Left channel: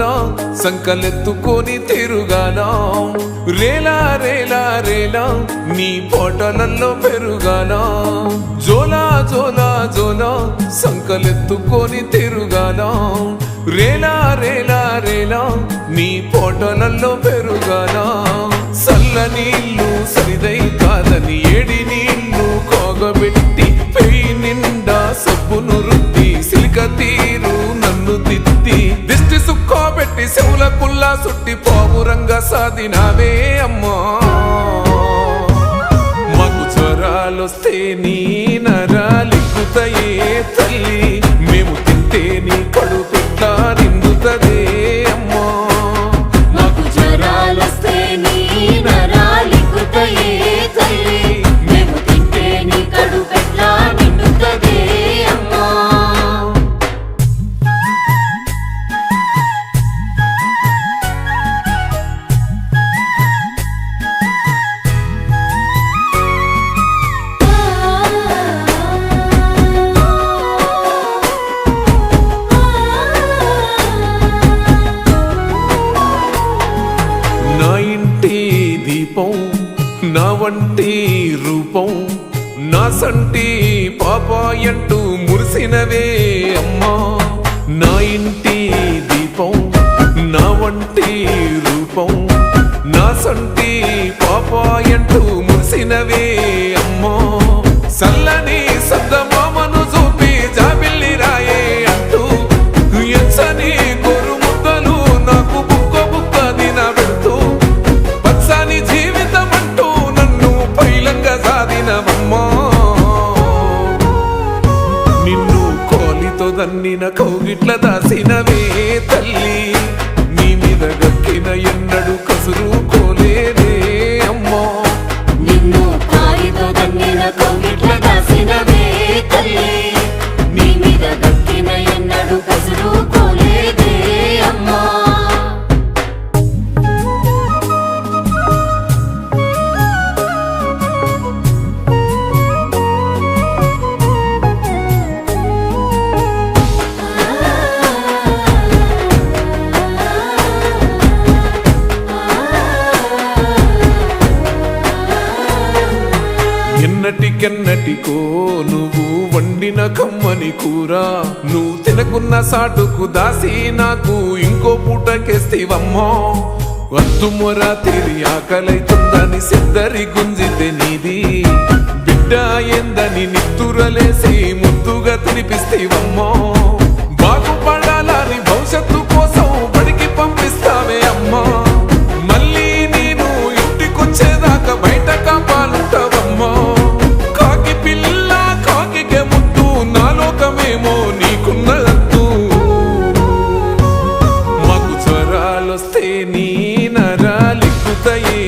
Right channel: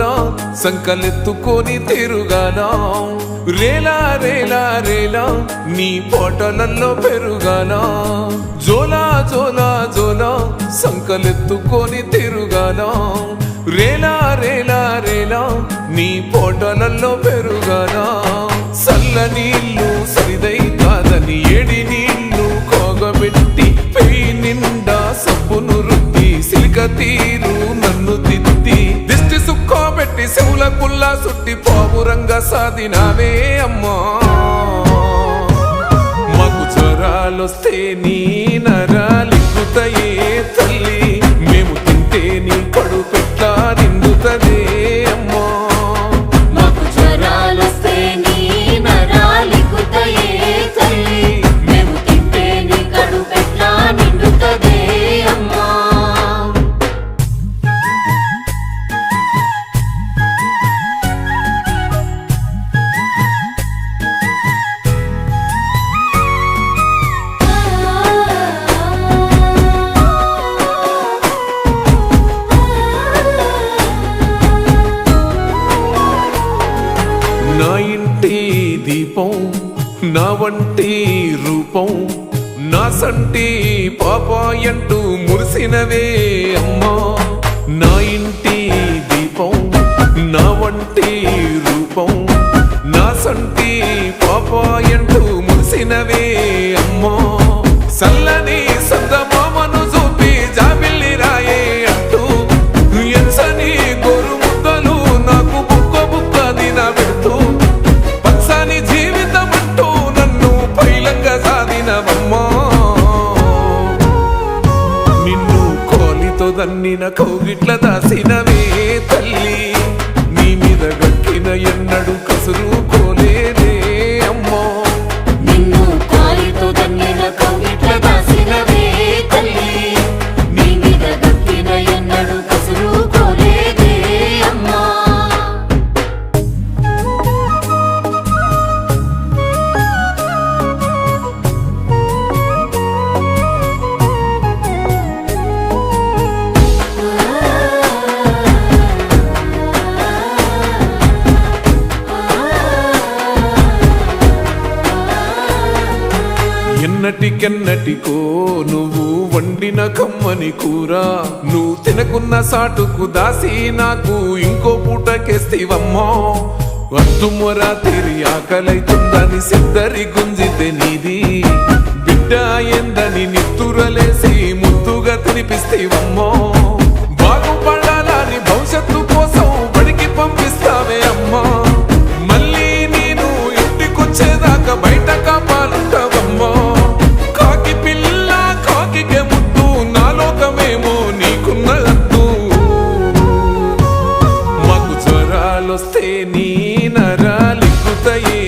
జోల సంకలెత్తుకొని తిరుగాల రేలా రేలా రేలా నీ పోటలల్లో పెరుగాల జోలా జోలా జోలా సంకలెత్తుకొని తిరుగాల రేలా రేలా రేలా నీ పోటలల్లో పెరుగాల సల్ల నీళ్ళు సరిదై కాదని ఏడి నీళ్ళు కోగబెట్టి పెయి నిండా సబ్బును రుద్ది సిలిక తీరు నన్ను తిత్తి దిష్టి సుక్కోబెట్టి చెవుల కుల్లా సుట్టి పావురంగా సాధినావే అమ్మా మాకు జ్వరాలొస్తే నీ నరాలిక్కుతాయే తల్లి మేము తింటే నీ కడుపెట్లా నిండుతదే అమ్మా మాకు జ్వరాలొస్తే నీ నరాలిక్కుతాయే తల్లి మేము తింటే నీ కడుపెట్లా నిండుతదే అమ్మా నా ఇంటి దీపం నా వంటి రూపం నా సంటి పాపాయంటూ మురిసినవే అమ్మా నా ఇంటి దీపం నా వంటి రూపం నా సంటి పాపాయంటూ మురిసినవే అమ్మా సల్లని సందమామను చూపి జాబిల్లి రాయే అంటూ ఎంచని గోరు ముద్దలు నాకు బుక్క బుక్క దిన పెడుతూ పచ్చని జీవితం అంటూ నన్ను పైలంగా సాధినవమ్మా నిన్ను కోలితో దన్నిన కౌగిట్ల దాసినవే తల్లి నీ మీద గక్కిన ఎన్నడు కసురు కోలేదే అమ్మా నిన్ను కోలితో దన్నిన కౌగిట్ల దాసినవే తల్లి నీ మీద గక్కిన ఎన్నడు కసురు కోలేదే అమ్మా ఎన్నటికెన్నటికో నువ్వు వండిన కమ్మని కూర నువ్వు తినకున్న సాటుకు దాసి నాకు ఇంకో పూటకేస్తివమ్మా వద్దుమొర తిరి ఆకలైతుందని సిద్ధరి గుంజితే నీది బిడ్డ ఏందని నిత్తురలేసి ముద్దుగా తినిపిస్తేవమ్మా బాగుపడాలని భవిష్యత్తు కోసం బడికి పంపిస్తావే అమ్మా మళ్ళీ నేను ఇంటికొచ్చేదాకా బయట కాపాలుంటావమ్మా కాకి పిల్ల కాకికే ముద్దు నా లోకమేమో నీకున్నదద్దు మాకు జ్వరాలొస్తే నీ నరాలిక్కుతాయే